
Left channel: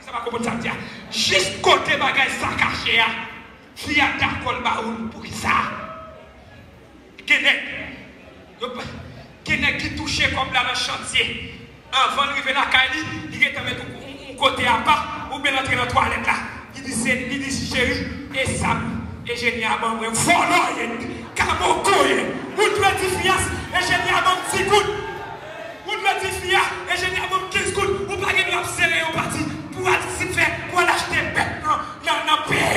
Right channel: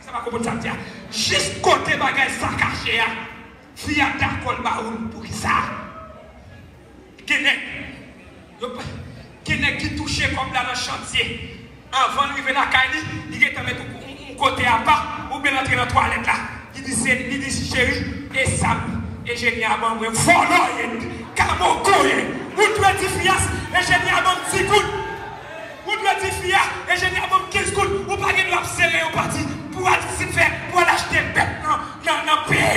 Ça va comprendre ça dire. Juste côté bagage ça caché, fille d'accord là pour ça. Qui touché comme là dans le chantier. Avant d'arriver à la caille, il est avec un côté à part, ou bien entrer dans la toilette là. Il dit chérie, et Sam, et j'ai mis à bon, follow, caramo, ou doit dire fias, et j'ai mis à bon 10 gouttes. Ou doit dire fias, et j'ai mis à bon 15 gouttes. Ou pas de la serrer au parti, pour aller faire, pour acheter bête dans le pays.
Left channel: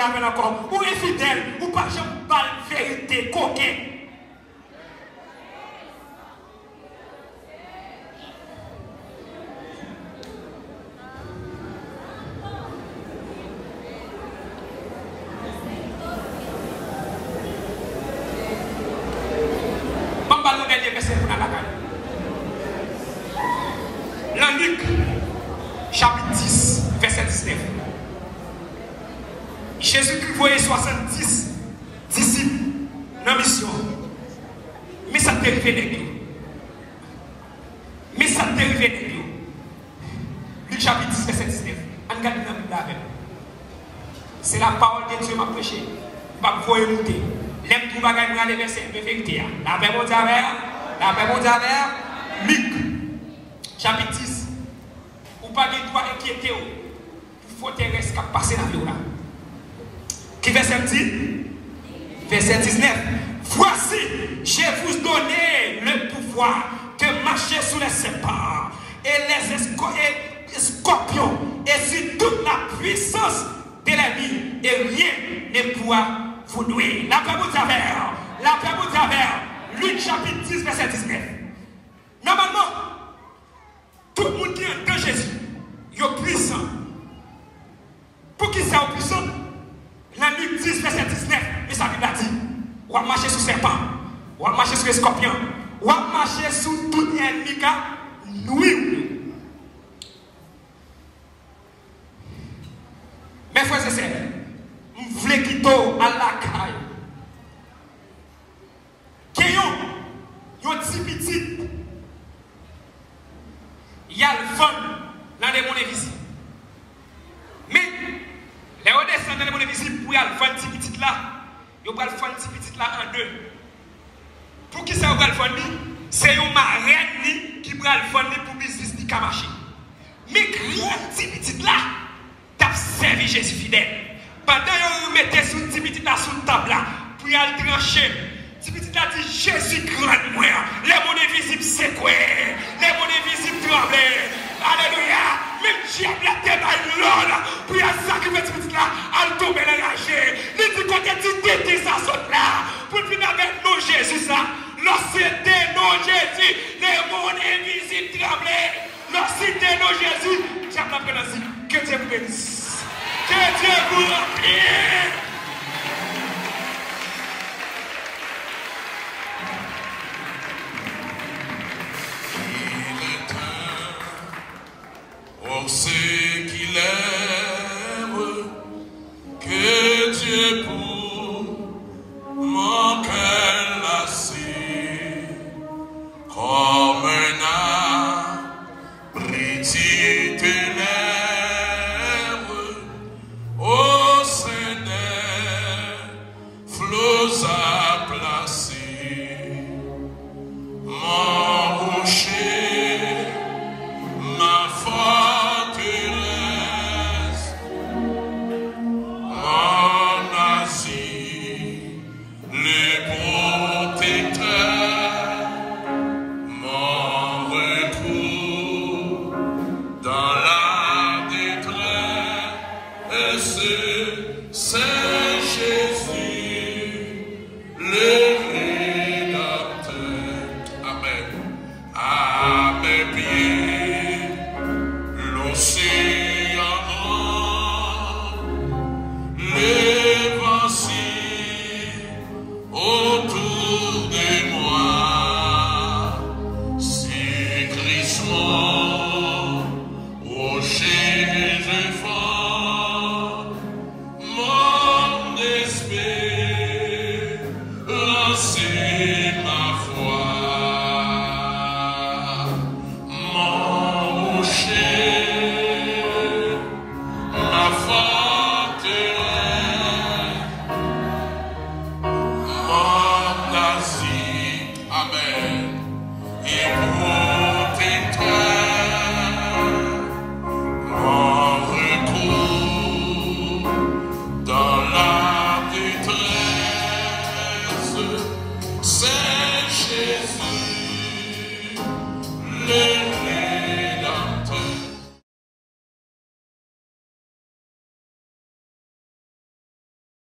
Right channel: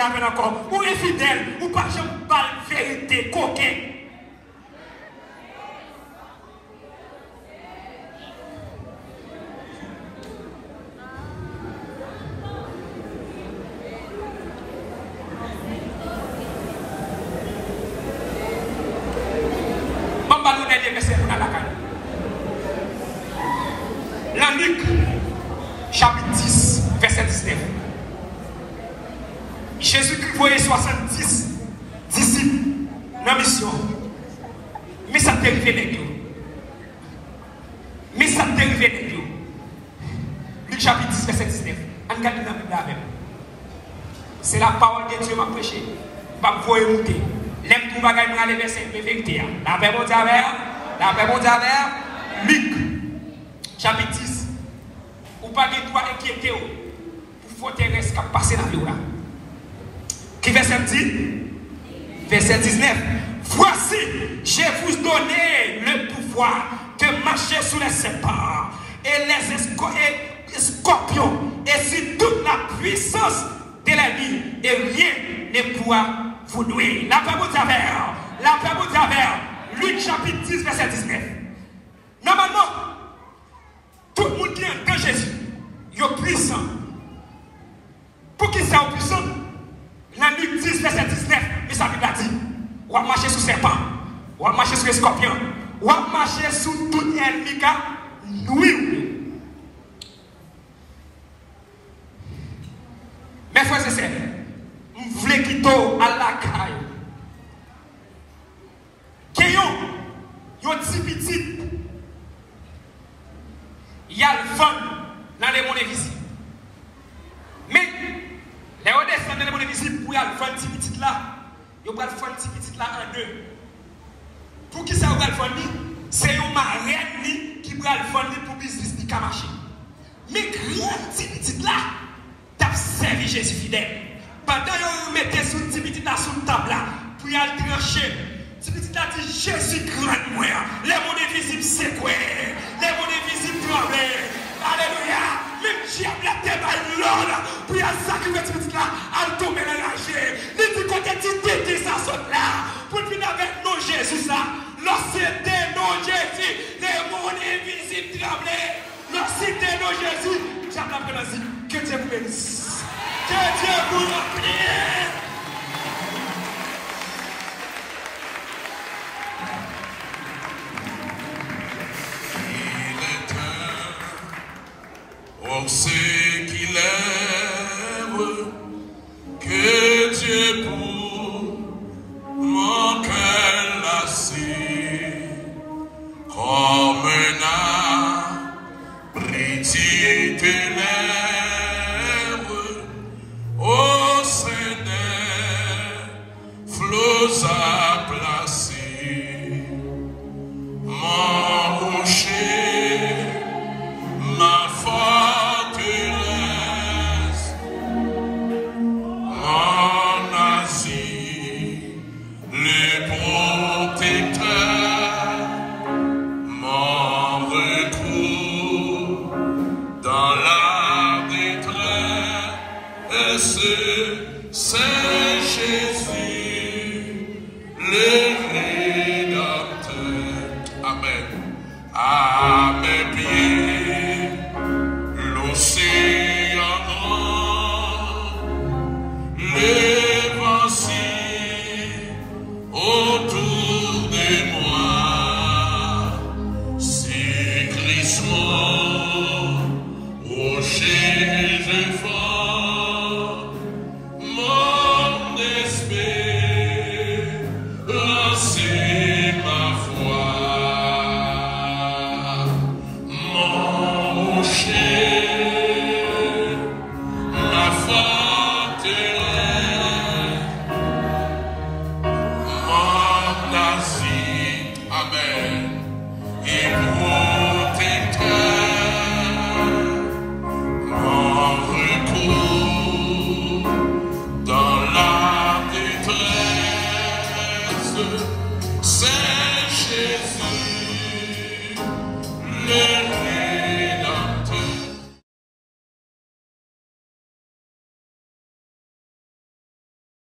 marié avec encore. Ou infidèle, ou pas jamais balle vérité, coquin. Dans Luc, chapitre 10, verset 19. Jésus-Christ voyait 70 disciples dans la mission. Mais ça t'est arrivé avec nous. Mais ça t'est arrivé avec nous. Luc, chapitre 10, verset 19. On regarde dans la Bible avec. C'est la parole de Dieu m'a prêché. Je vais vous écouter. L'aime tout bagage pour aller verser de vérité. La paix mon Dieu Luc, chapitre 10. Ou pas de toi inquiéter pour forteresse qui a passé dans la vie là. Qui verset 10? Verset 19. Voici, je vous donné le pouvoir de marcher sous les serpents et les scorpions et sur toute la puissance de la vie et rien ne pourra vous nuire. La paix vous travers. La paix vous travers. Luc chapitre 10 verset 19. Normalement, tout le monde qui est dans Jésus, il est puissant. Pour qui ça est puissant? Dans Luc 10 verset 19, il s'agit dit, on va marcher sous serpent, on va marcher sous les scorpions, on va marcher sous tout ennemi qui a nuit. Mes frères et sœurs, je voulais quitter à la caille. Yon petit petit, il y a le fun dans les monnaies visibles. Mais les redescendants dans les monnaies visibles, pour y avoir le fun petit là, il y a le fun petit là en deux. Pour qui ça va le fun? C'est une marraine qui va le fun pour business qui a marché. Mais grand petit là, t'as servi Jésus fidèle. Pendant que vous mettez ce petit là sur la table là, pour y aller trancher. Si petit a dit Jésus grand moi, les monnaies visibles c'est quoi? Les monnaies visibles tremblent. Alléluia. Même diable la tête à l'or pour y sacrifier petit là, à tomber dans la chair. Les petits côtés tu t'étais ça saute là. Pour venir avec nous Jésus ça. Lorsque non Jésus, les monnaies visibles tremblent. Lorsque non Jésus, diable la pénalité. Que Dieu vous bénisse. Que Dieu vous remplisse. On sait qu'il aime, que Dieu pour mon cœur lassé, comme un abri ténèbres, au sein des flots à placer, mon rocher, ma forteresse, mon asile, les protecteurs, mon recours dans la détresse, c'est Jésus, le Rédempteur. Amen. À mes pieds, l'océan noir, les vents autour de moi, cyclisme, rocher fort, mon espérance, c'est ma foi, mon rocher.